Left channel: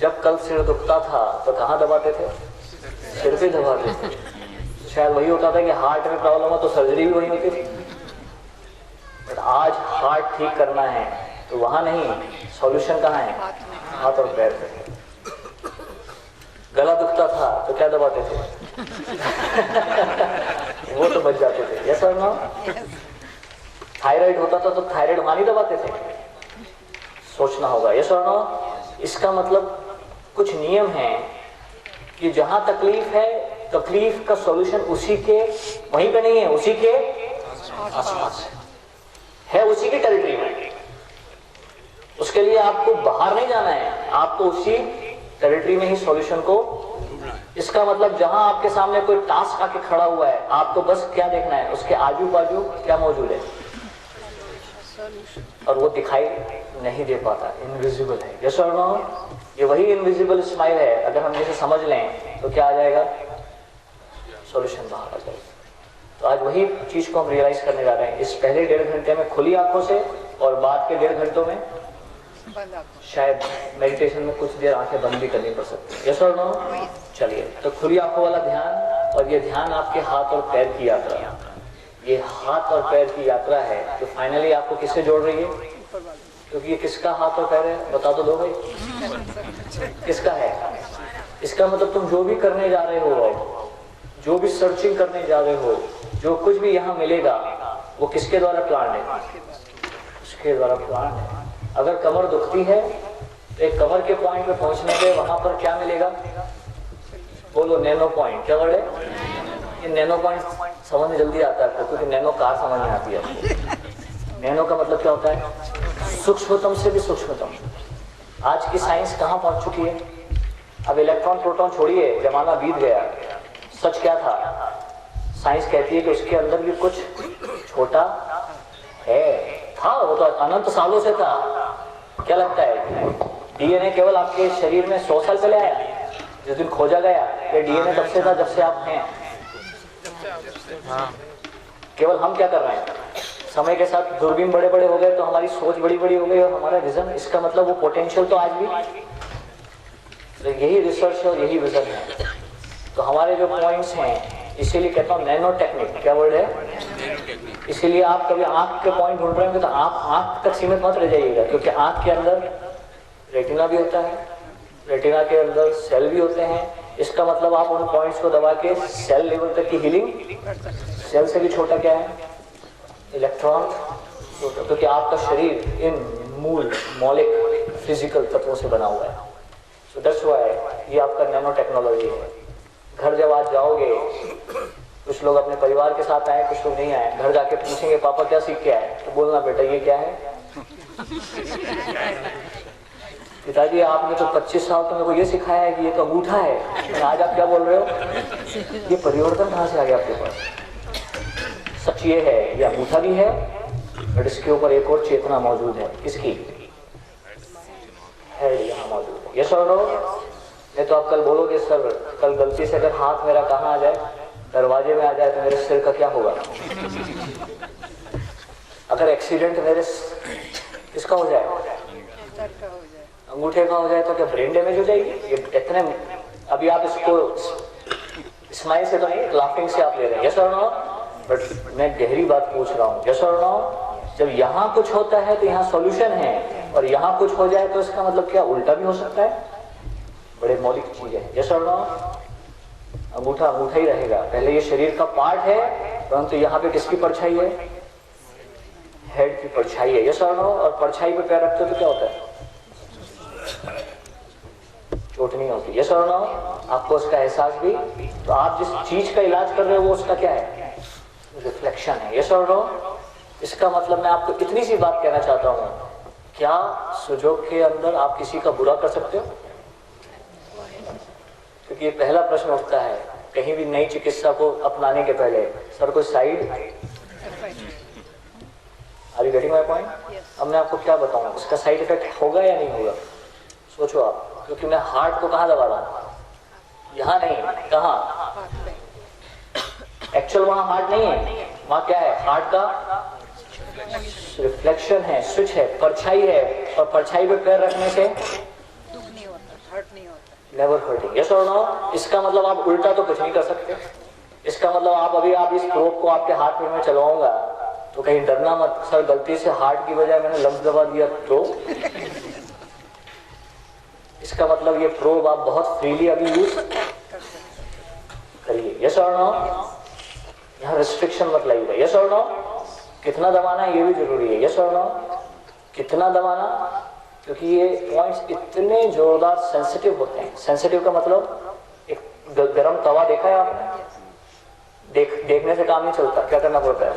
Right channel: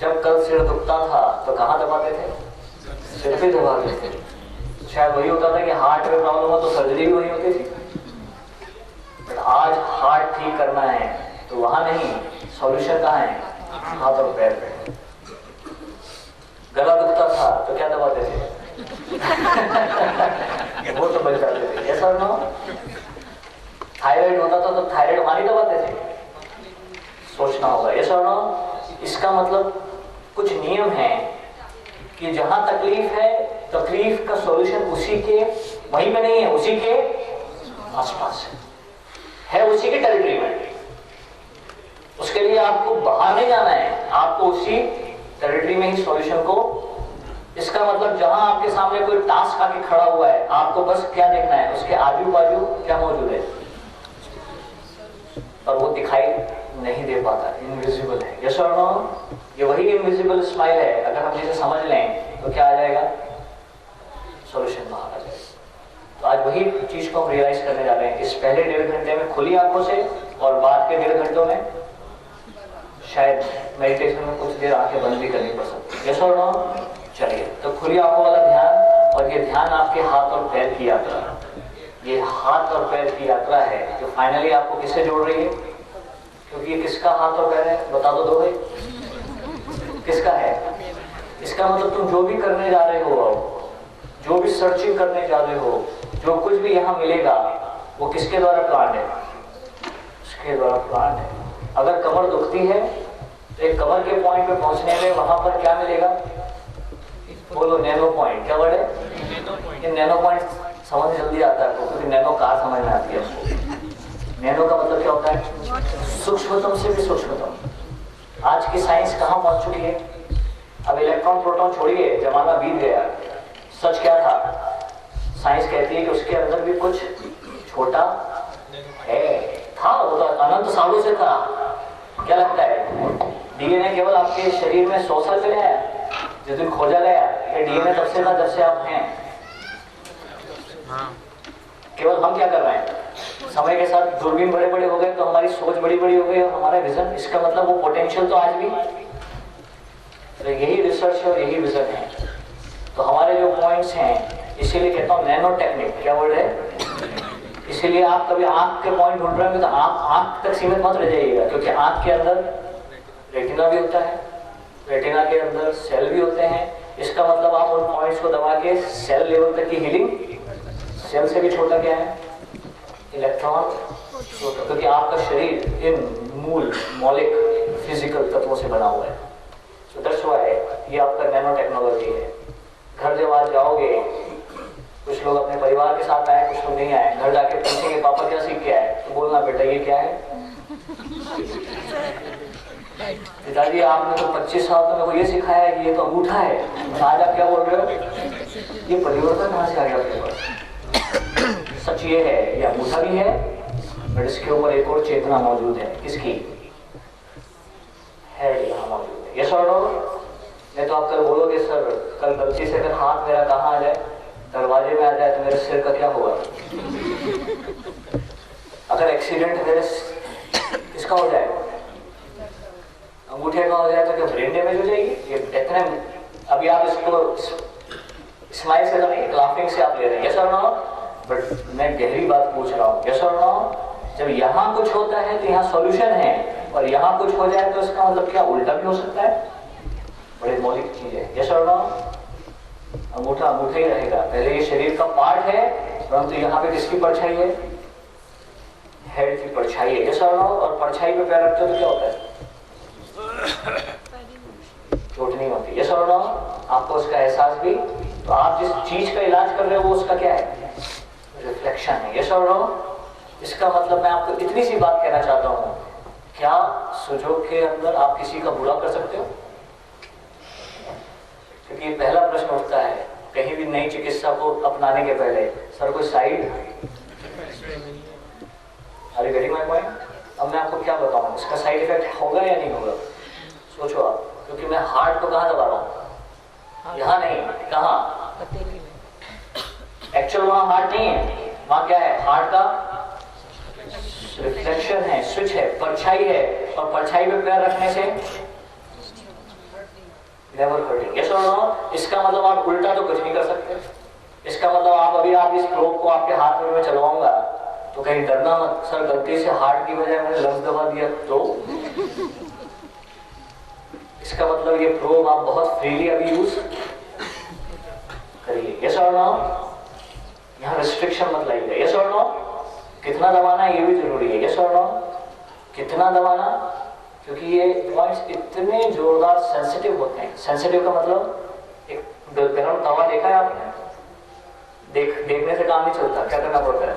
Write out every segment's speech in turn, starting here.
जब कल सिर दुखता था तो कहाँ दबाते थे? सिर पे दबाते थे। शायद वही होता था कि हार्ट में प्रॉब्लम हो तो सर्जरी भी वही होती थी। बट आज हार्ट ठीक करना है तो वहां नहीं, सॉल्यूशन कहाँ है? हाथ और पैर पे। गला दुखता था तो क्या दबाते थे? वो तो बच जाते थे। यस और नो? थायराइड होता था तो थायराइड वहां नहीं दबाते थे। सोचना होगा। यस और नो? इसका मतलब कुछ नियम है कि जहां तकलीफ है, तकलीफ का सॉल्यूशन उसी के वहीं पे नहीं है, उसी के आसपास है, उसी की टेरिटरी में। उसके लिए आपको बाहर नहीं जाना है, आपको उसी टेरिटरी में ही सॉल्यूशन को। इसका मतलब जहां आपके सामने कोई टास्क आके खड़ा हुआ है, आपको बस क्या देखना है? उसके आजू बाजू क्या मौजूद है, और वो दिखाई नहीं दे पाता, इनविजिबल है। यस और नो? ये वही इनविजिबल स्माइल है। अगर हम इसे समझ लें तो क्या आ जाएगा? सॉल्यूशन बाहर आ जाएगा। तो आज वही चीज को हम रियलाइज करने जा रहे हैं इस पहले 1.5 घंटे में खुली आंखों से, और बाद के 1.5 घंटों में शायद मेडिटेशन में कुछ देर आंखें बंद भी करनी पड़ सकती है। यस और नो? चलिए, तो खुली आंखों वाला ध्यान, और ये ध्यान आपके हाथ और पैर की यात्रा है। ये हाथ और पैर की यात्रा है जो फाइनली आपको किससे जोड़ रही है? क्योंकि ये किसका हाथ और पैर है? बता दो भाई, किसका है? इसका मतलब तुम जो भी करने जा रहे हो, जो भी सर्चिंग करने जा रहे हो, जो कुछ भी यहाँ मिलेगा, वो किसके द्वारा प्लान है? उसके द्वारा प्लान है। अगर कमर दुखती है तो एक कमर के पॉइंट पे पहुंचने में वहां पर क्या मिलेगा? बोलो, नैनो पॉइंट। क्या वर्ड है? ये नैनो पॉइंट समझ जल्दी आता है आपको, क्योंकि नैनो कार समझ में आती है। नैनो का मतलब क्या होता है? सूक्ष्मतम से भी सूक्ष्मतम। आज की साइंस कहाँ पहुंच चुकी है? अब इलेक्ट्रॉन प्रोटॉन छोड़िए, जमाना बीत गया। सच क्या था? साइंस कहती है कि उसके अंदर भी कुछ छोटा है, था, वो तो अनंत सालों से था। क्या लगता है? डीएनए केवल आपके शरीर में 100 साल पहले आया? जिस दिन खोजा गया, ये डीएनए तब से था जब से आप हैं। केवल हम क्या कर रहे हैं? समय के साथ दूरबीन बड़े बड़े हो गए तो हमारी सोच बड़ी बड़ी हो गई, और हमारा विजन, इसका मतलब वो पोटेंशियल तो आज भी। तो यही रिसर्च है और यही विजन है। तो हमारे जो पॉइंट्स हैं, इसीलिए कहता हूँ नैनो टेक्निक। क्या वर्ड है? इसीलिए आप कभी आंख के पॉइंट ढूंढ रहे हो तो आप आंख तक सीमित मत रह जाइएगा, क्योंकि आंख के अंदर रेटिना भी होता है, रेटिना के अंदर सेल भी होते हैं। इसका मतलब आप उन पॉइंट्स को दबा के सेल लेवल तक की हीलिंग। सेल से भी छोटा क्या है? इलेक्ट्रॉन। क्योंकि आपका शरीर इन मूल मौलिक फिजिकल तत्वों से बना हुआ है। सो दैट्स व्हाई ये आपका नैनो टेक्नोलॉजी है। घर जब आज जाओगे, कुछ लोग अपने परिवार के साथ आए, कुछ लोग नहीं आए, घर जाके पूछेंगे पापा क्या सीख के आए, तो बोलना बेटा ये क्या है? पिताजी आपने तो 25 साल तो मेरे को ये सिखाया है कि ये तो अंगूठा है, आज आप क्या बोल रहे हो? ये परिवर्तन कहाँ से आ गया आपके पास? सच ये है, ये अंगूठा भी है, बट इसके ऊपर एक और चेतना मौजूद है। किसकी है? यहाँ मौजूद है। यस और नो? नहीं तो आप कल बोलोगे सर कल गलती से अगर हाथ मेरा कहाँ आ जाए, दरवाजे में आ जाए, तो मेरे सिर का क्या होगा? अगर एक्सीडेंट मेरे किसका हो जाए? अंगूठे का हो जाए तो क्या ब्रेन डैमेज हो जाएगी? ये इतने, अभी आप इसको स्माइल से तो नहीं, लाफिंग से आप ले रहे हैं। यस और नो? बट मैं गहरी बात पूछ रहा हूँ। यस और नो? जब यहाँ कुछ होता है तो यहाँ सॉल्यूशन है, और यहाँ कुछ हो जाए तो इसका मतलब क्या उल्टा भी हो सकता है? बड़े मौलिक चीजें। यस और नो? अंगूठा अंगूठा ही रहेगा। पहले ये शरीर का पार्ट है, परंतु यहाँ पे किसकी परछाई है? हेड की परछाई है। यस और नो? और परछाई पे पैर रखते हो तो क्या होता है? चोट नहीं होती। यस और नो? आपको उसका एहसास भी। तो आप जिस चीज का इलाज कर रहे हो वो उसका क्या है? रिफ्लेक्शन है। यस और नो? इसका मतलब मैं आपको इतनी सी बात कहना चाहता हूँ, क्या सुजोग के अंदर आप किसी का बुरा कर सकते हो? क्योंकि ये पहला प्रश्न उठता है कहीं भी नई चिकित्सा को अपनाने के पहले, सर कोई side? Are you getting my point? अब मैं आपको क्या बताऊं, इसका साइड इफेक्ट होगा या नहीं होगा? सोचो आप। क्योंकि मैं हार्ट को कहाँ दबा रहा हूँ? यहाँ नहीं, कहाँ? एक्चुअल वहां हार्ट नहीं है, वहां क्या है? हार्ट का रिफ्लेक्शन है, स्विच है, परछाई है, और परछाई पे पैर रखने से नेवर हर्टिंग, यस और नो? इसका मतलब आप उल्टा तो कुछ नहीं कर सकते। इसका मतलब आप इस प्रोब को आपके हाथ में मैं चलाऊंगा तो कहीं डरना मत, सर गलती से हार्ट की बजाय मैंने लंग्स दबा दिया तो। इसका मतलब ये प्रोब आप बहुत फ्रीली अभी यूज करिए, यस और नो? यहाँ रिस्ट्रिक्शन मत लाइए, यस और नो? कितना दबाना है ये भी जरूरी है, यस और नो? कितना दबाना, क्योंकि ये पॉइंट्स इतने जोरदार सेंसिटिव होते हैं। सेंसिटिव का मतलब एक गरम तवा देखा है आपने? देखने से काम नहीं चलता, क्या करना पड़ता है?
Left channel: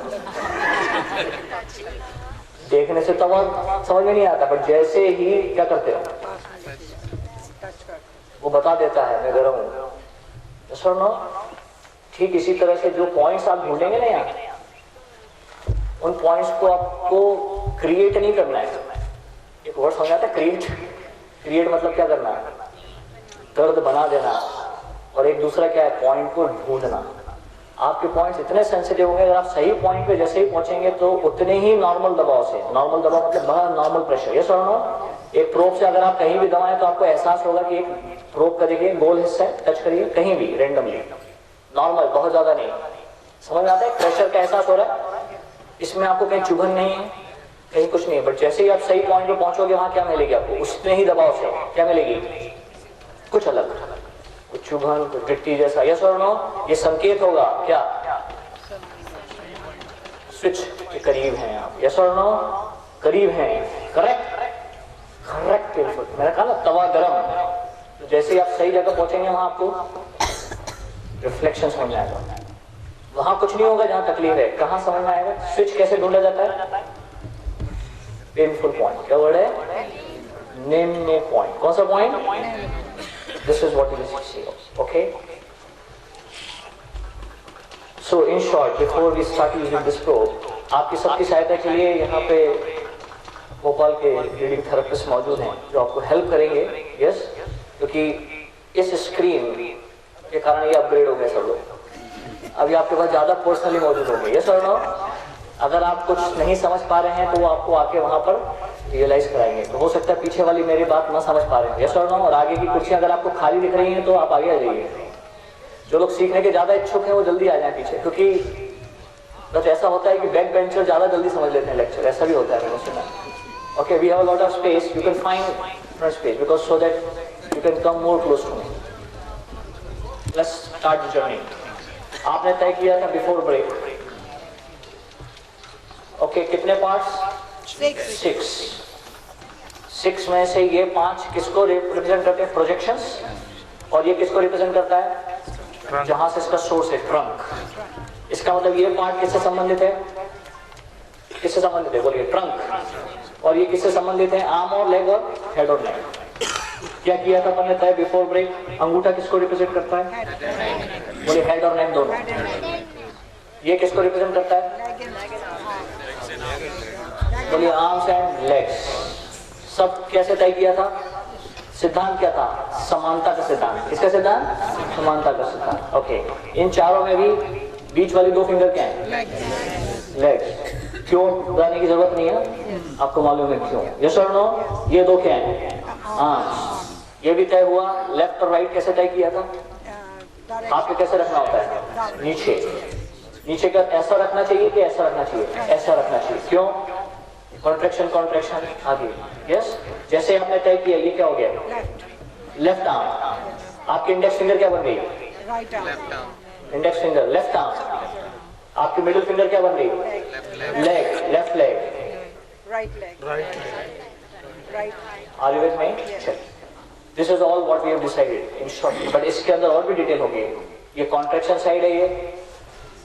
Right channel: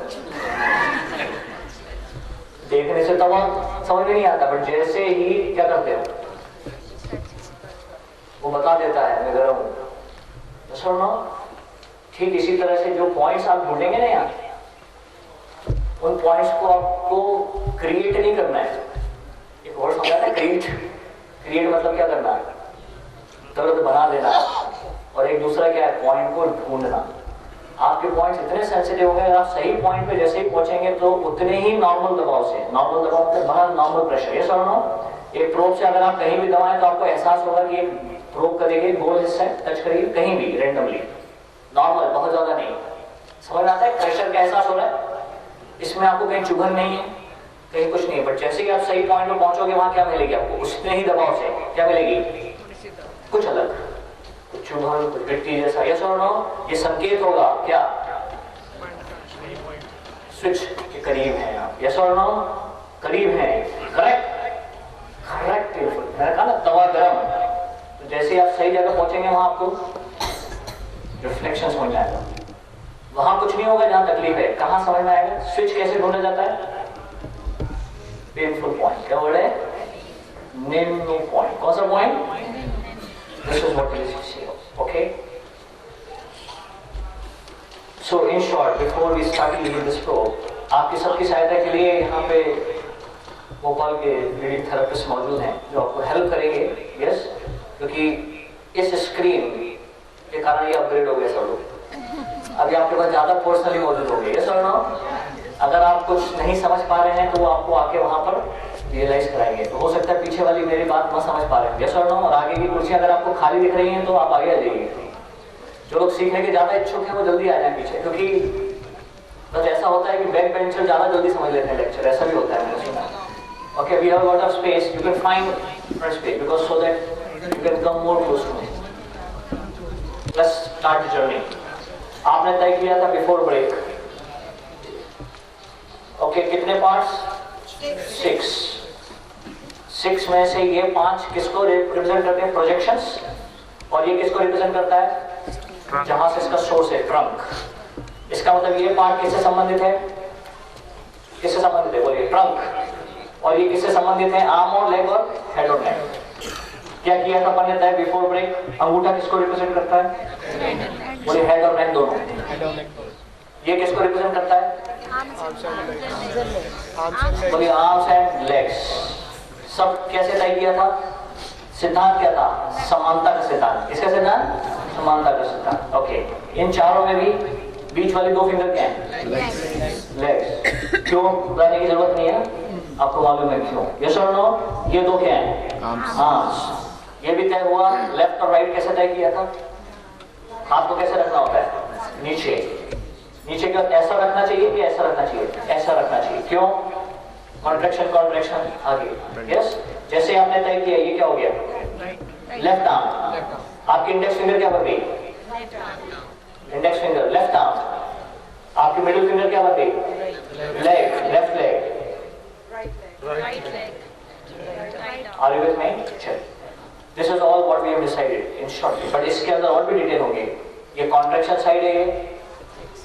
देखने से तवा समझ में नहीं आता, बट जैसे ही क्या करते हो वो बता देता है मैं गरम हूं, यस और नो? ठीक इसी तरह से जो पॉइंट्स आप ढूंढेंगे ना यहाँ, उन पॉइंट्स को आपको क्रिएट नहीं करना है। एक वर्ड समझा था, क्रिएट मतलब क्या करना है? दर्द बना देना। और एक दूसरा क्या है? पॉइंट को ढूंढना। आपके पॉइंट्स इतने सेंसिटिव हो गए, आप सही पॉइंट पे जैसे ही पहुंचेंगे तो उतने ही नॉर्मल दबाव से, नॉर्मल दबाव मतलब बड़ा नॉर्मल प्रेशर, यस और नो? एक प्रोब से अगर आप कहीं भी दबाएं तो आपको एहसास होगा कि एक प्रोब करेंगे, गोल हिस्सा टच करिए कहीं भी रेंडमली, नॉर्मल, बहुत ज्यादा नहीं। समझ में आता है? प्रेशर का एहसास हो रहा है, इसमें आपको कहीं चुभन नहीं है, कहीं कुछ नहीं है। बट जैसे ही आप सही पॉइंट पे पहुंचोगे वहां क्या मिलेगी आपको? उतने ही दबाव से क्या मिलेगी? कुछ अलग, कुछ चुभन, कुछ गिट्टी जैसा, यस और नो? ये संकेत होगा क्या? स्विच के करीब हैं आप, यस और नो? करीब हैं, करेक्ट करेक्ट। मैंने कहा ना तवा गरम, तो जैसे ही आप सही जगह पहुंचेंगे वहां आपको रिफ्लेक्शन समझ आएगा। वहां कुछ नहीं होगा जहां तकलीफ है, कहां समझ में आएगा? स्विच कैसे ढूंढा जाता है? पेनफुल पॉइंट, क्या वर्ड है? निम्न पॉइंट। कौन सा point? This is what it is, okay? So in short, before we start using this probe, आपकी सबकी सहायता के लिए यहाँ पे भोपाल के रीडिंग थेरेपिस्ट मौजूद हैं जो आपको हेल्प करेंगे, यस? क्योंकि इस स्क्रीन के कारण ये अपग्रेड हो गया सब लोग। अभी आपके पास ज्यादा पर्सनली मौजूद होंगे, यस और नो? अगर आप कुछ नहीं समझ पा रहे हैं तो वो आपको आके वहां पर रियलाइज कराएंगे। तो हो सकता है पीछे वाली मेरी बात ना समझ पा रहे हैं, यस और नो? और आगे की कुर्सियां अगर आपको खाली दिख रही हैं तो आप आगे आ जाइए। जो लोग सीखने के ज्यादा इच्छुक हैं वो जल्दी आ जाए पीछे, क्योंकि बस ऐसा होता है कि बैक बेंचर ज्यादा जल्दी समझ लेते हैं लेक्चर, ऐसा भी होता है, मैंने सुना। Okay, we have a lot of space. You can find front space because so that you can come more close to me. Let's start the journey. आपने तय किया था before break. Okay, कितने parts? 6. 6 में से ये 5 किसको रिप्रेजेंट करते हैं? प्रोजेक्शंस। और ये किसको रिप्रेजेंट करता है? जहां से इसका सोर्स है, ट्रंक। इसका मतलब ये पार्ट किससे संबंधित है? किससे संबंधित है? बोलिए, ट्रंक। और ये किससे संबंधित है? आर्म और लेग और हेड और नेक। क्या किया था अपन ने तय बिफोर ब्रेक? अंगूठा किसको रिप्रेजेंट करता है? बोलिए, हेड और नेक दोनों। ये किसको रिप्रेजेंट करता है? बोलिए, आर्म्स एंड लेग्स। सब कैसे तय किया था? सिद्धांत क्या था? समानता का सिद्धांत। इसका सिद्धांत समानता का सिद्धांत। ओके, इन चारों में भी बीच वाली 2 फिंगर क्या है? लेग्स। क्यों बताने की जरूरत नहीं है, आपको मालूम है क्यों, यस और नो? ये 2 क्या है? आर्म्स। ये भी तय हुआ। लेफ्ट और राइट कैसे तय किया था? हाथ को कैसे रखना होता है? नीचे। नीचे का ऐसा रखना चाहिए कि ऐसा रखना चाहिए? ऐसा रखना चाहिए। क्यों? कॉन्ट्रैक्शन कॉन्ट्रैक्शन आगे, यस? जैसे आपने तय किया, ये क्या हो गया? Left arm. आपकी इंडेक्स फिंगर क्या बन गई? Right arm. Index finger left arm. आपकी मिडिल फिंगर क्या बन गई? Leg, left leg, right leg, right leg. Are you with me? This is all what we have decided in short. But इसके अंदर और भी डिटेल होंगे। ये कॉन्ट्रैक्शन साइड है, ये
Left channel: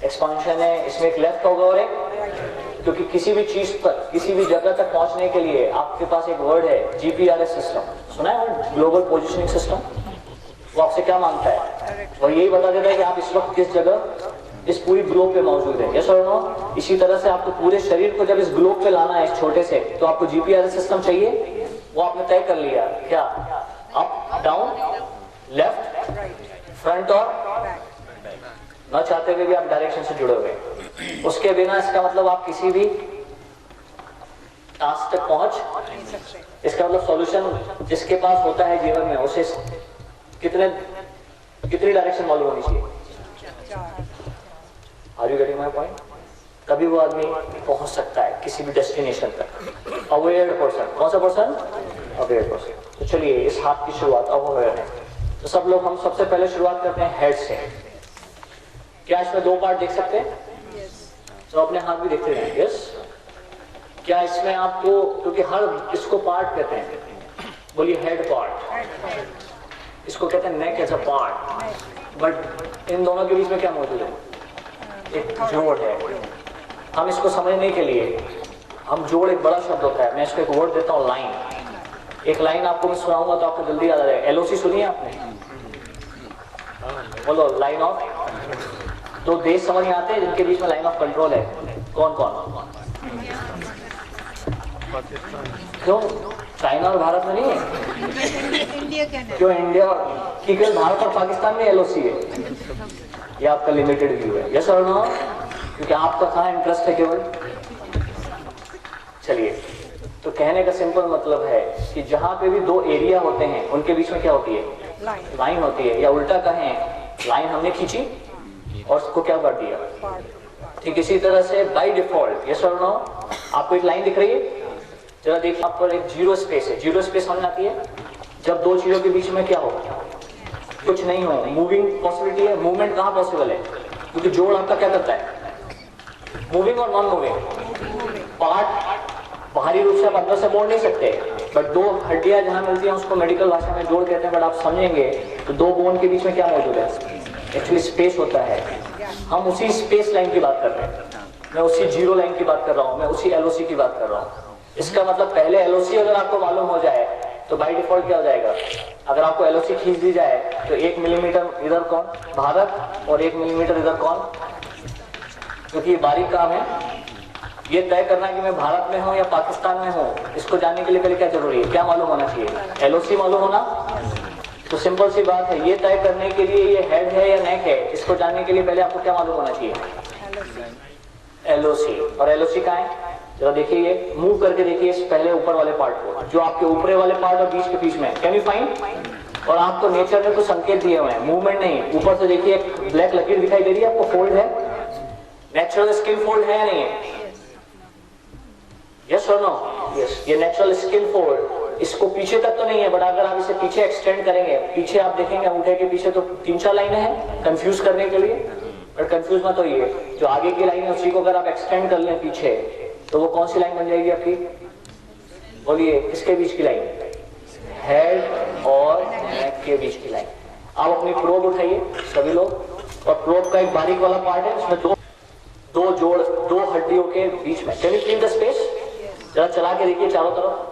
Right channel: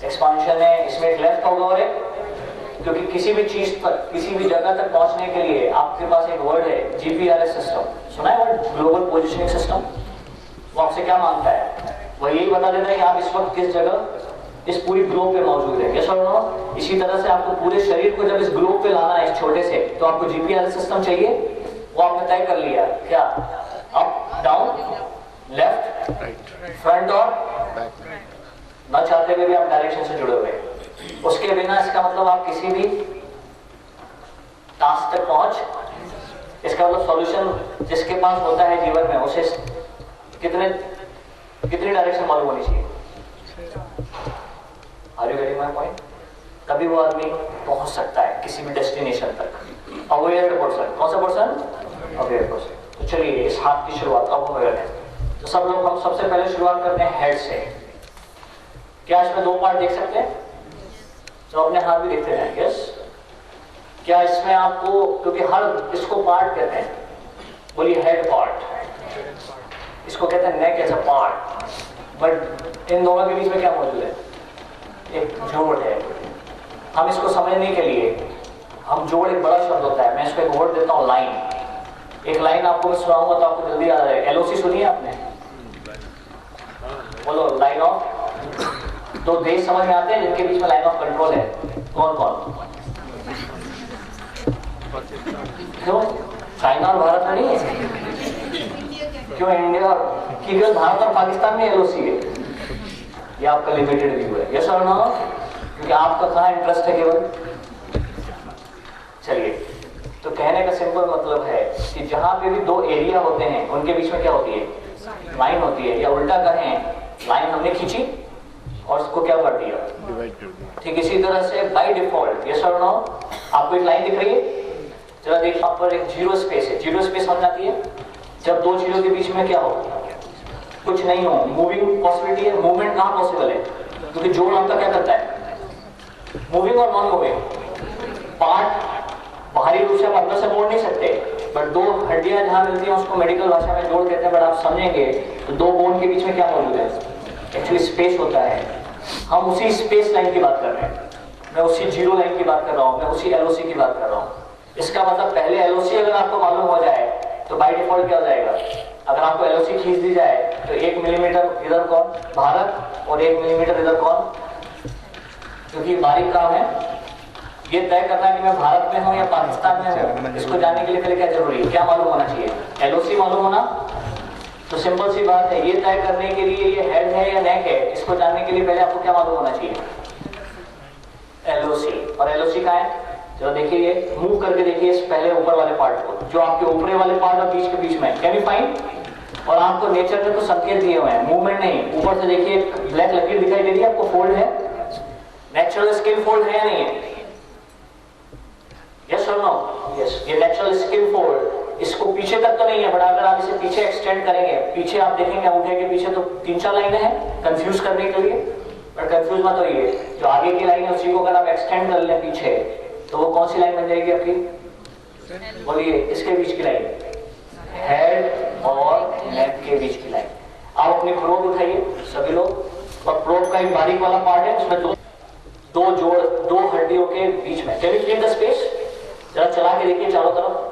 एक्सपांशन है, इसमें एक लेफ्ट होगा और एक, क्योंकि किसी भी चीज पर, किसी भी जगह तक पहुंचने के लिए आपके पास एक वर्ड है, जीपीआरएस सिस्टम। सुना है वर्ड? Global positioning system. वो आपसे क्या मांगता है? वह यही बता देता है कि आप इस वक्त किस जगह इस पूरी ग्लोब पे मौजूद है, यस और नो? इसी तरह से आपको पूरे शरीर को जब इस ग्लोब पे लाना है, इस छोटे से, तो आपको जीपीआरएस सिस्टम चाहिए। वो आपने तय कर लिया। क्या? अप, डाउन, लेफ्ट, फ्रंट और न चाहते हुए भी आप डायरेक्शन से जुड़े हुए। उसके बिना इसका मतलब आप किसी भी टास्क तक पहुंच, इसका मतलब सॉल्यूशन जिसके पास होता है जीवन में, उसे कितनी डायरेक्शन मालूम होनी चाहिए? Are you getting my point? तभी वो आदमी पहुंच सकता है किसी भी डेस्टिनेशन तक। अवेयर पर्सन, कौन सा पर्सन? Aware person. तो चलिए इस हाथ की शुरुआत अब अवेयर है। तो सब लोग हम सबसे पहले शुरुआत करते हैं हेड से। क्या इसमें दो पार्ट देख सकते हैं? तो अपने हाथ भी देखते हैं। यस, क्या इसमें आपको, क्योंकि हर इसको पार्ट कहते हैं, बोलिए हेड पार्ट, इसको कहते हैं neck as a part, but इन दोनों के बीच में क्या मौजूद है? एक जोड़ है। हम इसको समझने के लिए, हम जोड़ एक बड़ा शब्द होता है, मैं इसको एक वर्ड देता हूँ, लाइन। एक लाइन आपको मैं सुनाऊंगा तो आपको जल्दी याद आ जाएगा। एलओसी सुनिए आपने? बोलो, लाइन ऑफ। दो देश समझ में आते हैं जिनके बीच में लाइन ऑफ कंट्रोल है, कौन कौन? क्यों चाइना और भारत में नहीं है? क्यों इंडिया की, भारत और पाकिस्तान में एलओसी है? ये आपका लिमिटेड व्यू है। यस और नो? क्योंकि आपका कहाँ इंटरेस्ट है केवल। चलिए, तो कहने का सिंपल मतलब है कि जहां पे भी दो एरिया होते हैं उनके बीच में क्या होती है? लाइन होती है। या उल्टा कहें, लाइन हमने खींची और उसको क्या कर दिया। ठीक इसी तरह से बाय डिफॉल्ट, यस और नो, आपको एक लाइन दिख रही है, जरा देखिए, आप पर एक जीरो स्पेस है। जीरो स्पेस समझ आती है? जब दो जीरो के बीच में क्या हो, कुछ नहीं हो, मूविंग पॉसिबिलिटी है। मूवमेंट कहाँ पॉसिबल है? क्योंकि जोड़ आपका क्या करता है? मूविंग और नॉन मूविंग पार्ट बाहरी रूप से हम अंदर से मोड़ नहीं सकते, बट दो हड्डियां जहां मिलती हैं उसको मेडिकल भाषा में जोड़ कहते हैं। बट आप समझेंगे तो दो बोन के बीच में क्या मौजूद है? एक्चुअली स्पेस होता है। हम उसी स्पेस लाइन की बात कर रहे हैं, मैं उसी जीरो लाइन की बात कर रहा हूँ, मैं उसी एलओसी की बात कर रहा हूँ। इसका मतलब पहले एलओसी अगर आपको मालूम हो जाए तो बाय डिफॉल्ट क्या हो जाएगा? अगर आपको एलओसी खींच दी जाए तो 1 मिलीमीटर इधर कौन? भारत, और 1 मिलीमीटर इधर कौन? क्योंकि बारीक काम है ये तय करना कि मैं भारत में हूं या पाकिस्तान में हूं। इसको जानने के लिए पहले क्या जरूरी है? क्या मालूम होना चाहिए? एलओसी मालूम होना। तो सिंपल सी बात है, ये तय करने के लिए ये हेड है या नेक है, इसको जानने के लिए पहले आपको क्या मालूम होना चाहिए? एलओसी। और एलओसी कहाँ है? जरा देखिए, मूव करके देखिए इस पहले ऊपर वाले पार्ट को, जो आपके ऊपरी वाले पार्ट और बीच के बीच में, कैन यू फाइंड? और आपको नेचर ने कुछ संकेत दिए हुए हैं, मूवमेंट नहीं। ऊपर से देखिए ब्लैक लकीर दिखाई दे रही है आपको, फोल्ड है, नेचुरल स्किन फोल्ड है या नहीं है? यस और नो? यस, ये नेचुरल स्किन फोल्ड, इसको पीछे तक तो नहीं है, बट अगर आप इसे पीछे एक्सटेंड करेंगे, पीछे आप देखेंगे अंगूठे के पीछे तो 3-4 लाइनें हैं कंफ्यूज करने के लिए, बट कंफ्यूज मत होइए। जो आगे की लाइन है उसी को अगर आप एक्सटेंड कर लें पीछे, तो वो कौन सी लाइन बन जाएगी आपकी? बोलिए, इसके बीच की लाइन, हेड और नेक के बीच की लाइन। आप अपनी प्रोब उठाइए सभी लोग, और प्रोब का एक बारीक वाला पार्ट है, उसमें दो हड्डियों के बीच में, can you feel the space? जरा चला के देखिए चारों तरफ,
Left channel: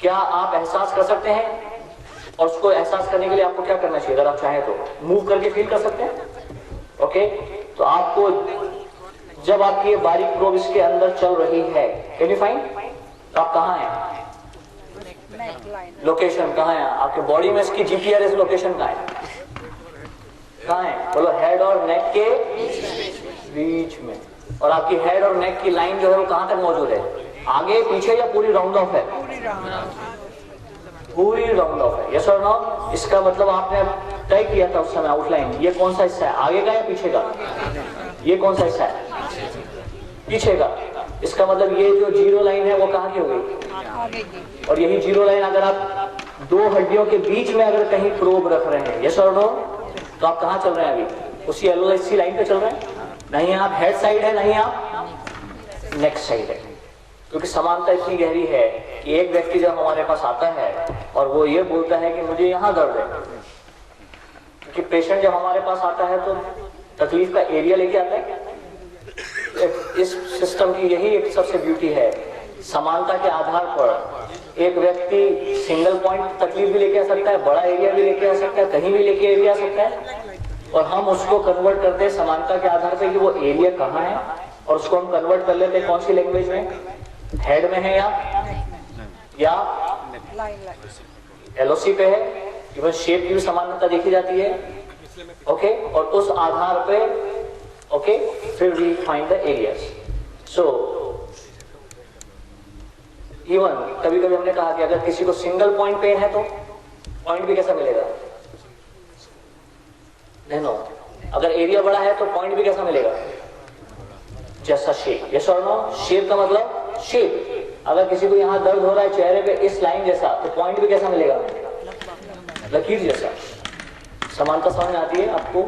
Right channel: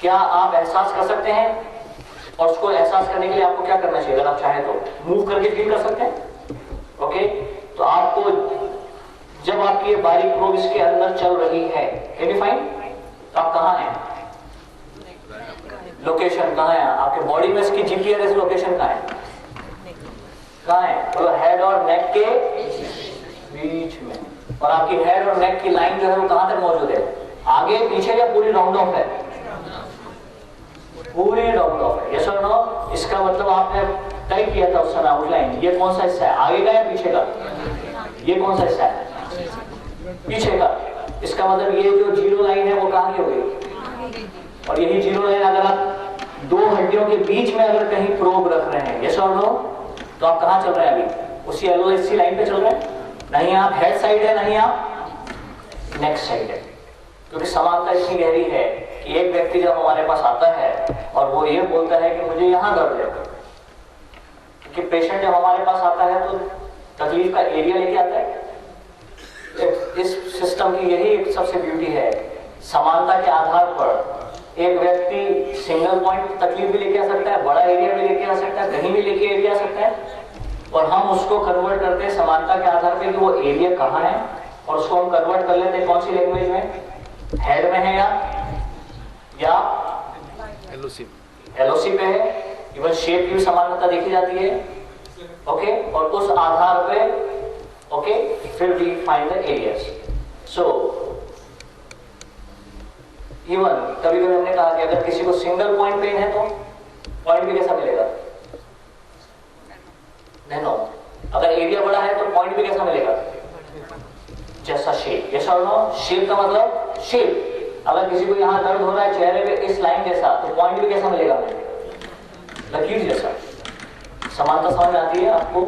क्या आप एहसास कर सकते हैं? और उसको एहसास करने के लिए आपको क्या करना चाहिए? अगर आप चाहें तो मूव करके फील कर सकते हैं। ओके, तो आपको जब आपकी ये बारीक प्रोब इसके अंदर चल रही है, कैन यू फाइंड? आप कहाँ हैं? लोकेशन कहाँ है आपके बॉडी में? इसकी जीपीआरएस लोकेशन कहाँ है? कहाँ है? बोलो, हेड और नेक के बीच में। और आपकी हेड और नेक की लाइन जो है वो कहां तक मौजूद है? आगे, पीछे, या पूरी राउंड ऑफ है? पूरी राउंड ऑफ है। यस और नो? इसका मतलब आपने तय किया था उस समय आउटलाइन, ये कौन सा हिस्सा है, आगे का या पीछे का? ये कौन सा हिस्सा है? पीछे का। इसका मतलब ये जो जीरो लाइन है वो कहाँ की हो गई? और यही जीरो लाइन अगर आप दो हड्डियों के बीच में अगर कहीं प्रोब रख रहे हैं, यस और नो, तो आप कहाँ चल रहे हैं? अभी उसी एलओसी लाइन पे चल रहे हैं। नहीं आप हेड साइड है, नहीं आप नेक साइड है। क्योंकि समानता इतनी गहरी है कि एक व्यक्ति जब हमारे पास आता है और वो ये बोलता है कि मुझे यहाँ दर्द है, क्योंकि पेशेंट जब हमारे पास आता है तो तकलीफ का एरिया लेके आता है। इस सिस्टम की यही एक सबसे ब्यूटी है, समानता के आधार पर एक व्यक्ति सिंगल पॉइंट तकलीफ भी लेके आ सकता है, बड़ा एरिया भी लेके आ सकता है, कहीं भी लेके एरिया आ सकता है, और हम उसको कन्वर्ट करते हैं समानता के आधार पे कि वो एरिया कहाँ है, और उसको हम कन्वर्ट कर लेते हैं कौन सी लैंग्वेज में? हेड में है या एलओसी पे है। इवन शेप की भी समानता देखी जाती है। ओके, और उस आधार पे ओके फिर we find the areas. So even कभी कभी हमने कहा कि अगर किसी को सिंगल पॉइंट पेन है तो पॉइंट भी कैसा मिलेगा? नैनो। अगर एरिया बड़ा है तो पॉइंट भी कैसा मिलेगा? जैसा शेप। यस और नो? शेप का मतलब शेप। अगर किसी को यहाँ दर्द हो रहा है चेहरे पे इस लाइन जैसा, तो पॉइंट भी कैसा मिलेगा? लकीर जैसा। समानता समझ आती है आपको?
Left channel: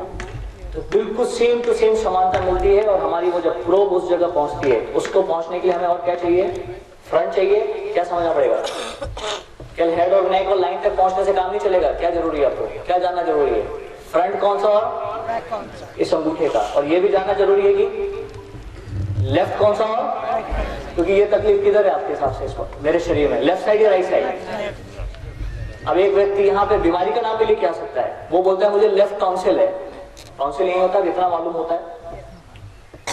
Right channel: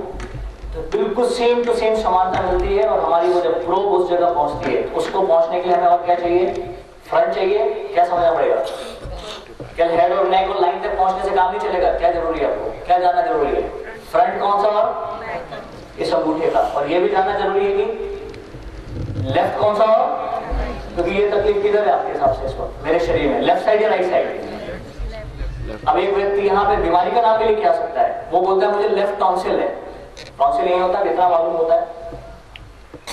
तो बिल्कुल सेम टू सेम समानता मिलती है। और हमारी वो जब प्रोब उस जगह पहुंचती है, उसको पहुंचने के लिए हमें और क्या चाहिए? फ्रंट चाहिए। क्या समझना पड़ेगा? क्या हेड और नेक और लाइन तक पहुंचने से काम नहीं चलेगा? क्या जरूरी है आपको? क्या जानना जरूरी है? फ्रंट कौन सा और इस अंगूठे का। और ये भी जानना जरूरी है कि लेफ्ट कौन सा और, क्योंकि ये तकलीफ किधर है आपके हिसाब से इस वक्त मेरे शरीर में? लेफ्ट साइड या राइट साइड? अब एक व्यक्ति यहाँ पे बीमारी का नाम भी लेके आ सकता है। वो बोलता है मुझे लेफ्ट टॉन्सिल है। टॉन्सिल नहीं होता, इतना मालूम होता है।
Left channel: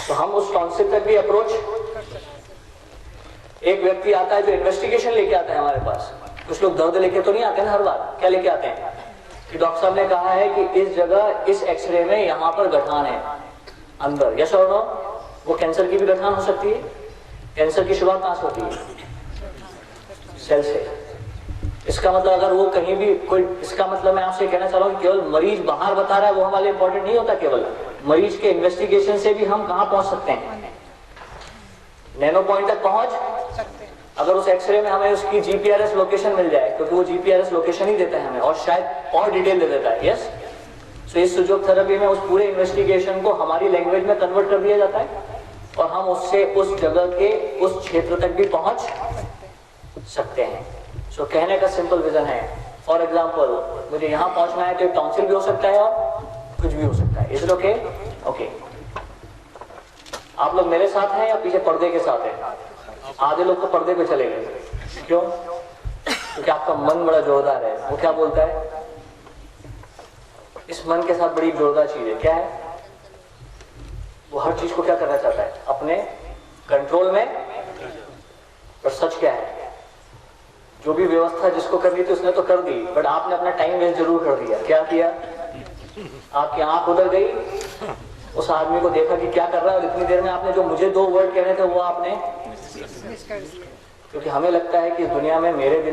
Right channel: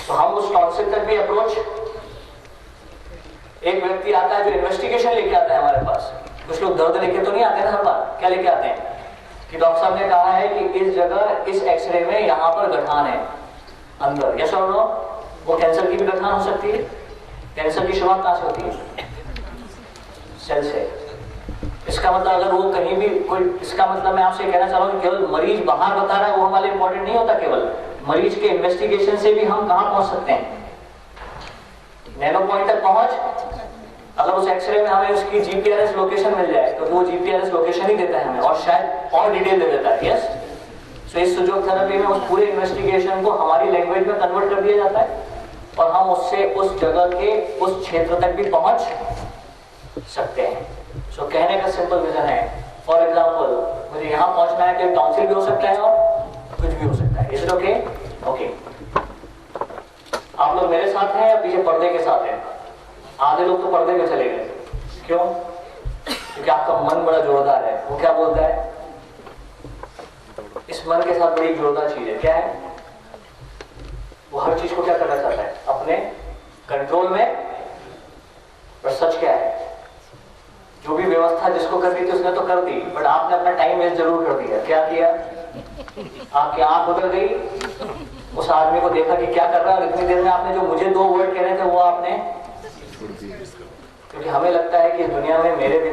तो हम उस टॉन्सिल तक भी अप्रोच। एक व्यक्ति आता है जो इन्वेस्टिगेशन लेके आता है हमारे पास। कुछ लोग दर्द लेके तो नहीं आते ना हर बार। क्या लेके आते हैं कि डॉक्टर साहब ने कहा है कि इस जगह इस एक्सरे में यहाँ पर गठान है अंदर। यस और नो? वो कैंसर की भी गठान हो सकती है। कैंसर की शुरुआत कहां से होती है? सेल से। इसका मतलब अगर वो कहीं भी कोई, इसका मतलब मैं आपसे कहना चाह रहा हूं केवल मरीज बाहर बता रहा है वो हमारे इंपॉर्टेंट नहीं होता। केवल मरीज के इन्वेस्टिगेशन से भी हम कहां पहुंच सकते हैं? नैनो पॉइंट तक पहुंच। अगर उस एक्सरे में हमें उसकी जीपीआरएस लोकेशन मिल जाए, तो वो जीपीआरएस लोकेशन ही देता है हमें, और शायद और डिटेल दे देता है। यस। तो इस सुजोग थेरेपी में उस पूरे इन्वेस्टिगेशन को हमारी लैंग्वेज में कन्वर्ट कर दिया जाता है, और हम उससे उस जगह के उस क्षेत्र तक भी पहुंच सकते हैं। सो कहने का सिंपल विजन है, फॉर एग्जांपल मुझे यहां पहुंचना है तो टॉन्सिल भी हो सकता है और कुछ भी हो सकता है। Is it okay? ओके। आप लोग मेरे साथ हैं या पीछे पर्दे के साथ हैं? आधे लोग तो पर्दे पे चले गए। क्यों? क्योंकि आपका मन बड़ा जोरदार है। वो क्या बोलता है? इस मन के साथ बड़ी जोरदार चीज है। क्या है वो? हर चीज को क्या करना चाहता है? अपने कंट्रोल में। और सच क्या है? जो भी व्यवस्था जिसको करनी थी उसने तो कर दी, बट आपने अपना टाइम वेस्ट जरूर कर दिया। क्या किया? आपकी आंख उधर गई, उस आदमी को देखा कि क्या कर रहा है, इतनी देर में आपने जो मुझे 2 वर्ड कह रहे थे वो आपने, क्योंकि हमें लगता है कि दुनिया में मेरे